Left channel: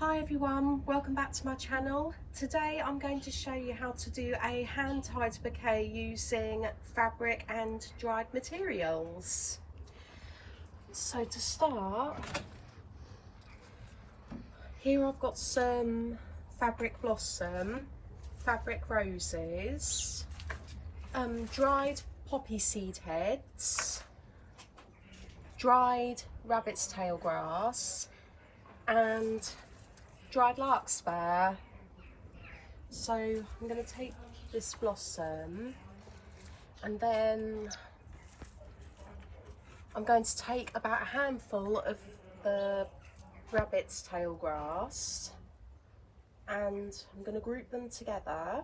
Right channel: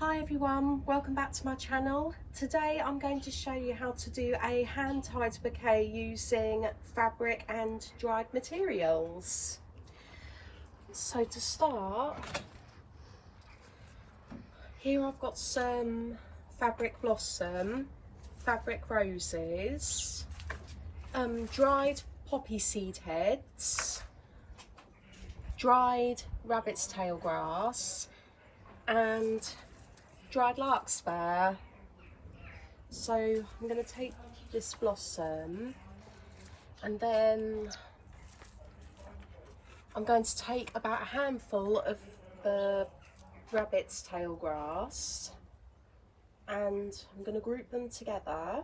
Hi everyone, welcome back to my channel. Today I'm going to show you how to do a hand-tied bouquet using fabric and dried materials. So to start, here I've got some fabric blossom, fabric roses, dried poppy seed heads, dried rabbit's tail grass and dried larkspur. So I'm going to take this blossom and then I'm going to take about a handful of the rabbit's tail grass and I'm going to group them together.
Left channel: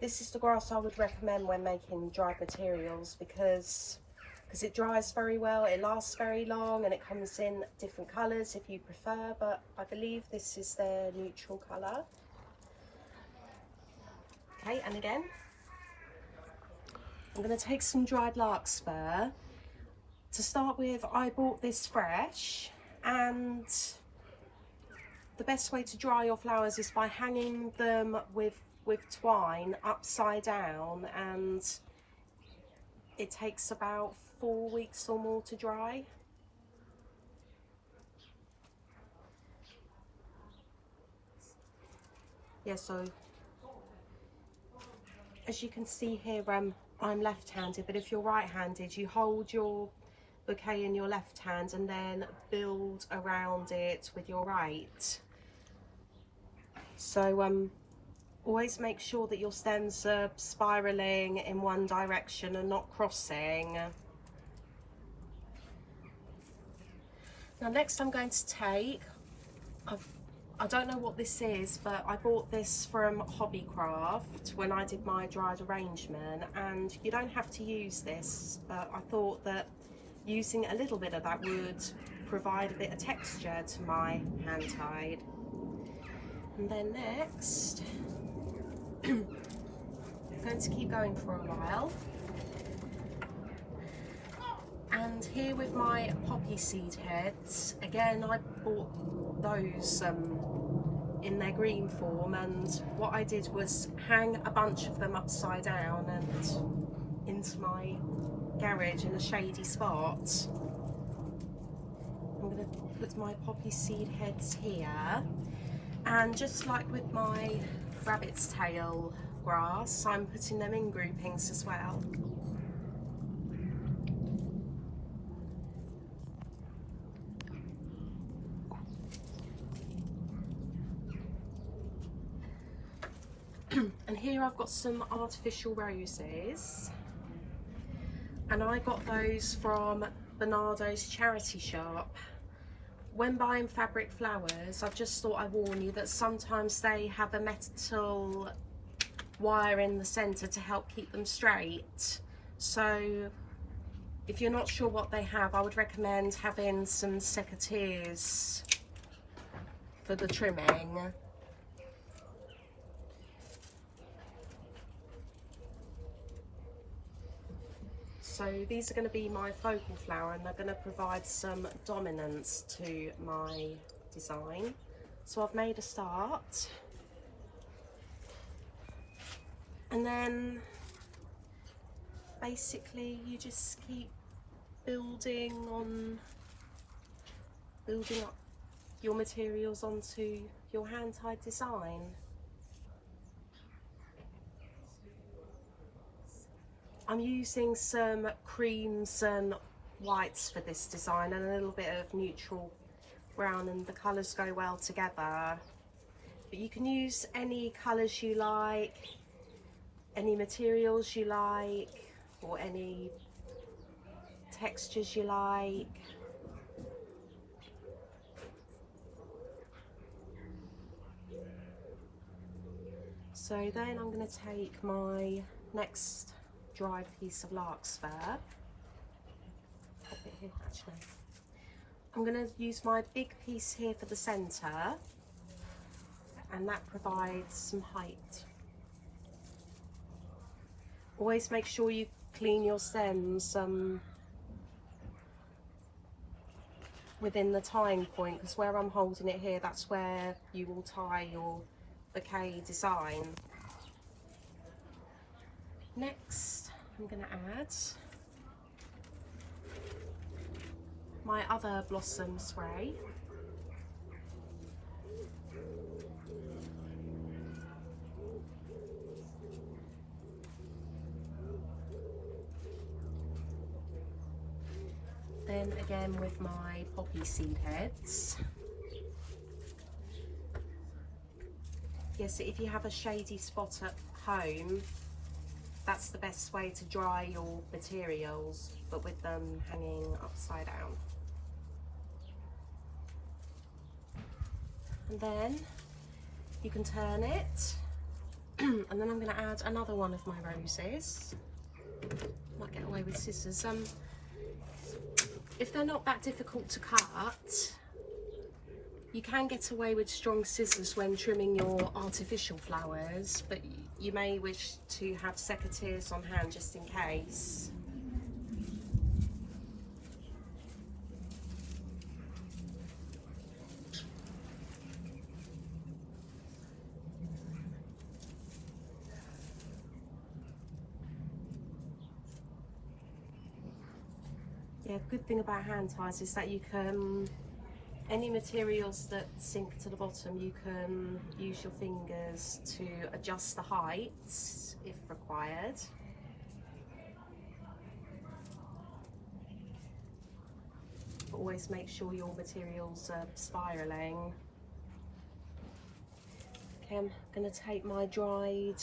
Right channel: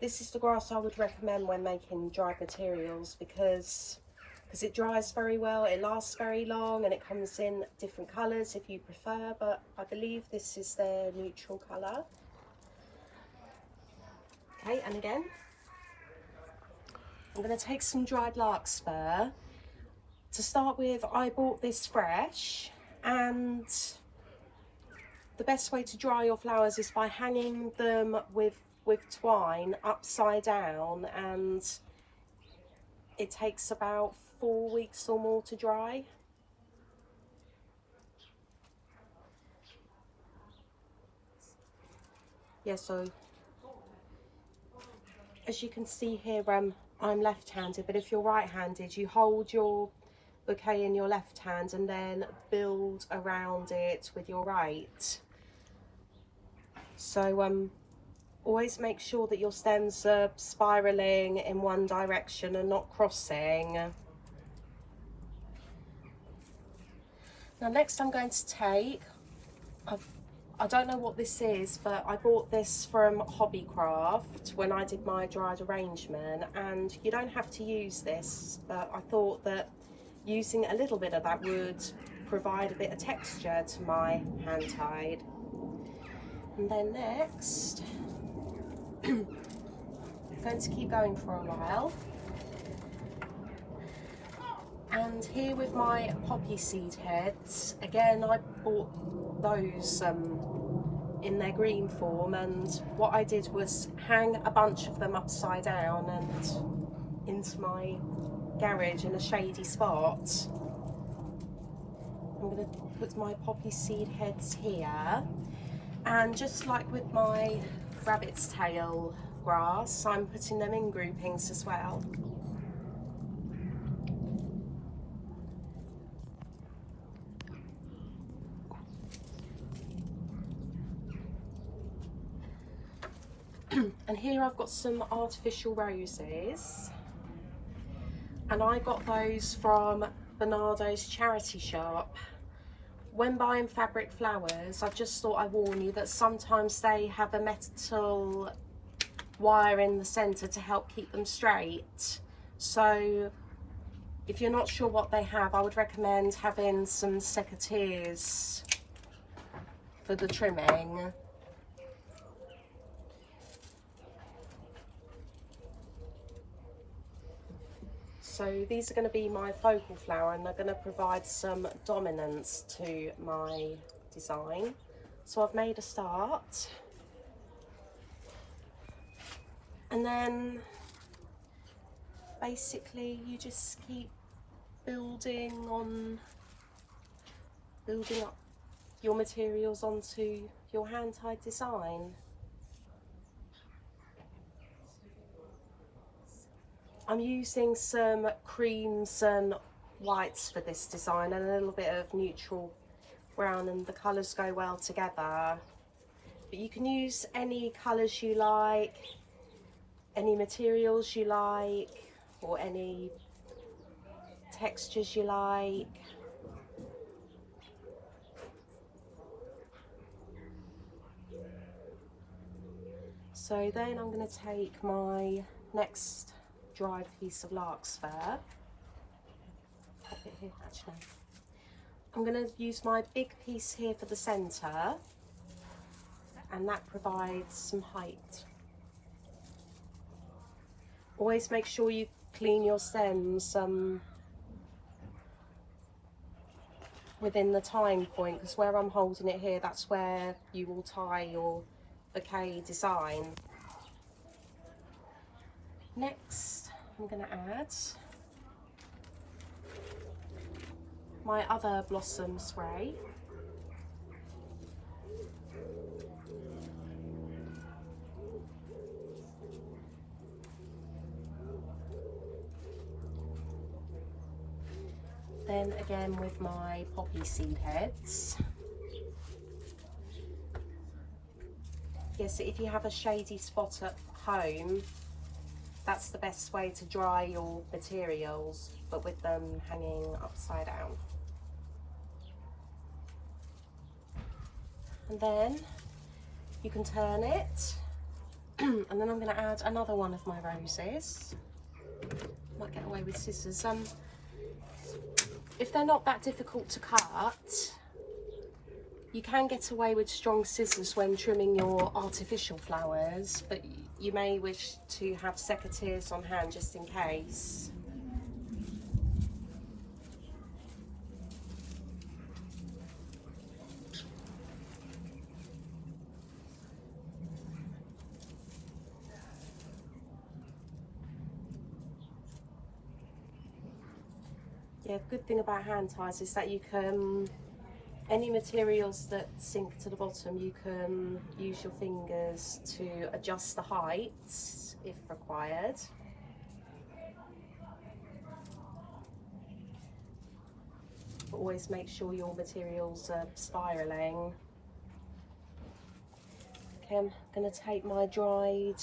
This is the grass I would recommend when making dried materials because it dries very well, it lasts very long, and it comes in different colours if you prefer, but I believe this is their neutral colour. Okay, and again, I'm going to take some dried larkspur. To start with, I bought this fresh, and the best way to dry your flowers is by hanging them with twine upside down, and it takes about 4 weeks or more to dry. Yeah, so as you can see here, I'm left-handed, but if you're right-handed, you hold your bouquet in your left hand and then build around it with your right. So always make sure that your stems are spiraling in one direction and not crossing. Now next I'm going to take, I don't know what this is, but I bought this from Hobbycraft when I did my dried arrangement, and you don't have to use this, but I thought that using a little bit of that would provide a bit of texture to my hand tied. And then next, I'm going to keep going for a while. And here with my poppy seed heads, again I bought those in their green form, and what I did was hang a bunch of them upside down and into my garage in a shady spot. I'm going to put my poppy seed heads here, and just like with my rabbit's tail grass, I'm putting them in groupings as well. And here I've got some artificial roses, and I got those from Bernardo's charity shop. When buying fabric flowers, I just thought I'd warn you that sometimes they have a metal wire in the centre to help keep them straight. So if you're not sure what they have, I would recommend having some secateurs for the trimming. So these are going to be my focal flower, and they're going to provide some dominance to my design. So I've made a start, and then basically you just keep building up your materials onto your hand-tied design. I'm using some creams and whites for this design and a little bit of neutral brown, and the colours go well together. But you can use any colours you like, any materials you like, or any textures you like. So then I'm going to take my next dried piece of larkspur. Pop it here, actually. I'm going to use my big piece here for the centre, and that provides some height. Always make sure you clean your stems within the tying point, because where I'm holding it here, that's where you will tie your bouquet design. Next, I'm going to add my other blossom spray. Then again with my poppy seed heads. Yes, if you have a shady spot at home, that's the best way to dry your materials, but with them hanging upside down. And then you can turn it, and then I'm going to add another one of my roses. Might get away with scissors. If they're not that difficult to cut, you can get away with strong scissors when trimming your artificial flowers, but you may wish to have secateurs on hand just in case. Yeah, the good thing about hand ties is that you can, any materials that sink to the bottom, you can use your fingers to adjust the height if required. But always make sure your materials are spiraling. Okay, I'm going to take my dried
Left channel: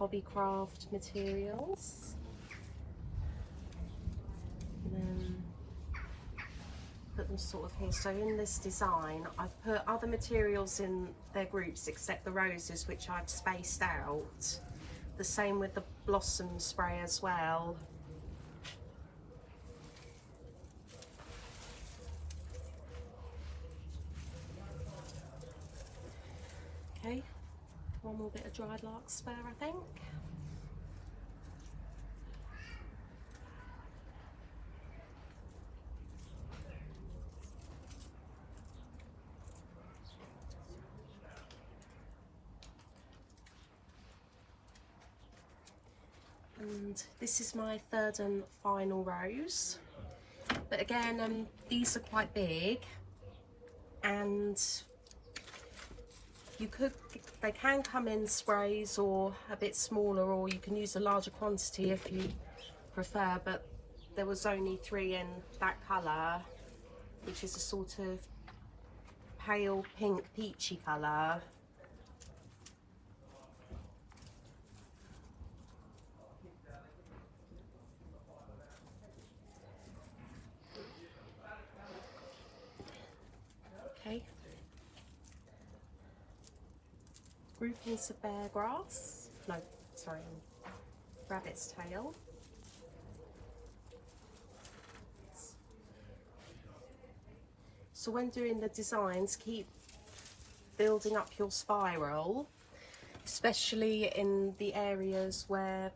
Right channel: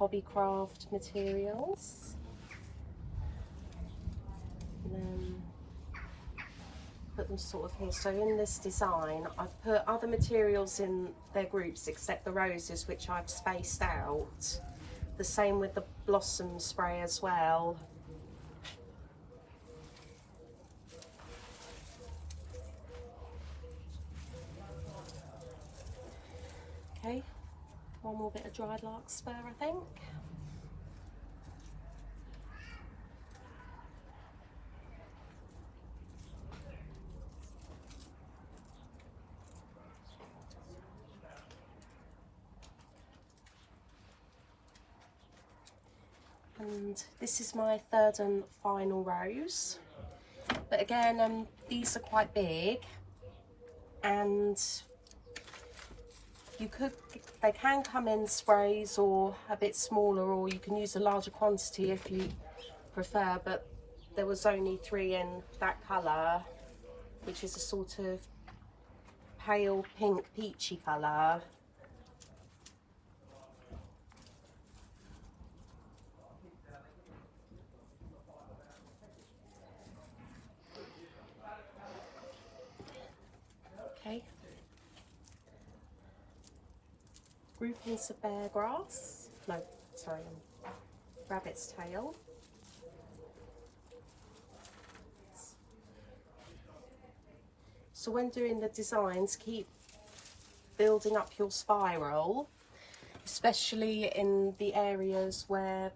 Hobbycraft materials. And then put them sort of here. So in this design, I've put other materials in their groups except the roses, which I've spaced out. The same with the blossom spray as well. Okay, one more bit of dried larkspur, I think. And this is my third and final rose. But again, these are quite big, and they can come in sprays or a bit smaller, or you can use a larger quantity if you prefer, but there was only 3 in that colour, which is a sort of pale pink peachy colour. Okay. Groupings of bear grass, no, sorry, rabbit's tail. So when doing the designs, keep building up your spiral, especially in the areas where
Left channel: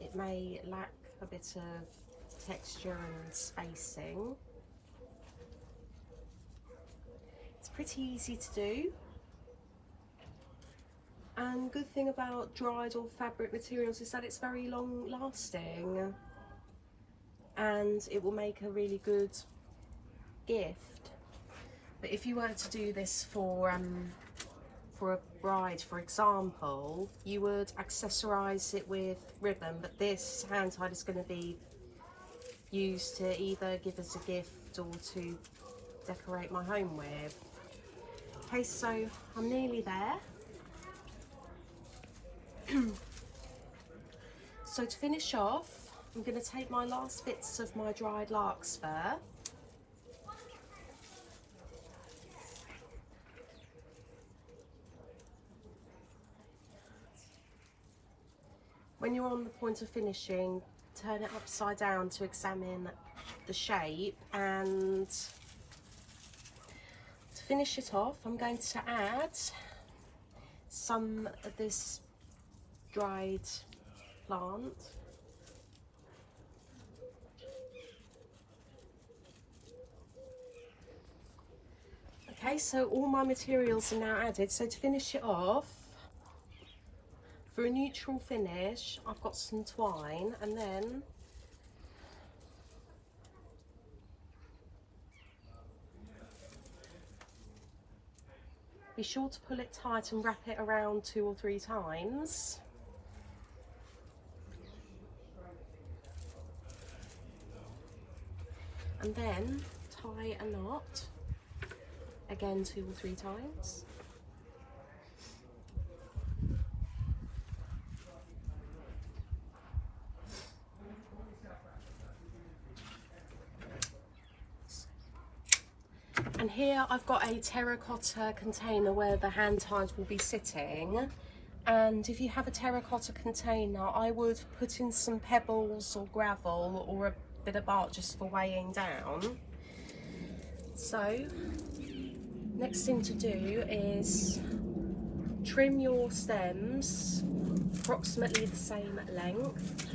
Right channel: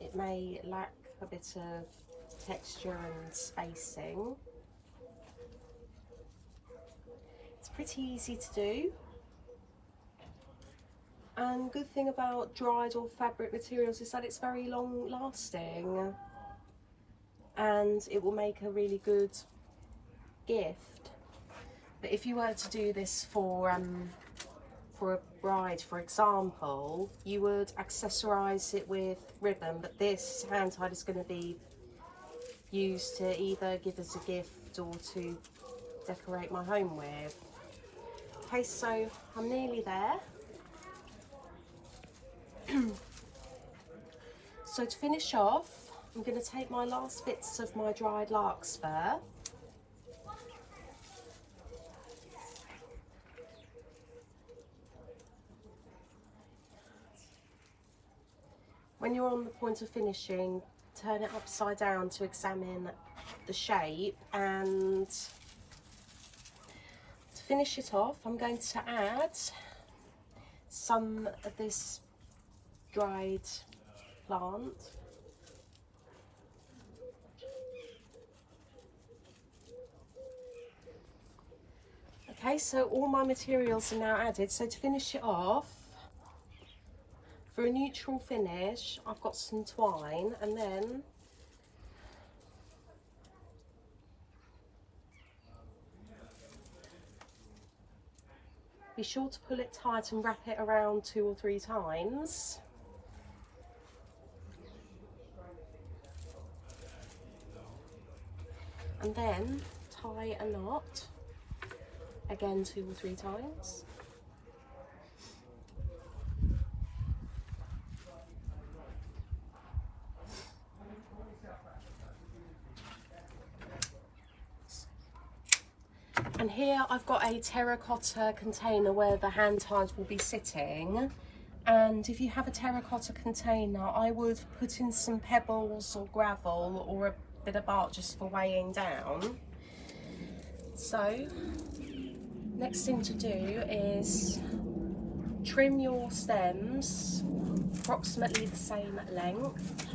it may lack a bit of texture and spacing. It's pretty easy to do. And good thing about dried or fabric materials is that it's very long lasting, and it will make a really good gift. But if you were to do this for a bride, for example, you would accessorize it with ribbon, but this hand tie is going to be used to either give as a gift or to decorate my home with. Okay, so I'm nearly there. So to finish off, I'm going to take my last bits of my dried larkspur. When you're on the point of finishing, turn it upside down to examine the shape, and to finish it off, I'm going to add some of this dried plant. Okay, so all my materials are now added. So to finish it off, for a neutral finish, I've got some twine, and then be sure to pull it tight and wrap it around 2 or 3 times. And then tie a knot, again 2 or 3 times. And here I've got a terracotta container where the hand tied will be sitting. And if you have a terracotta container, I would put in some pebbles or gravel or a bit of bark just for weighing down. So, next thing to do is trim your stems approximately the same length.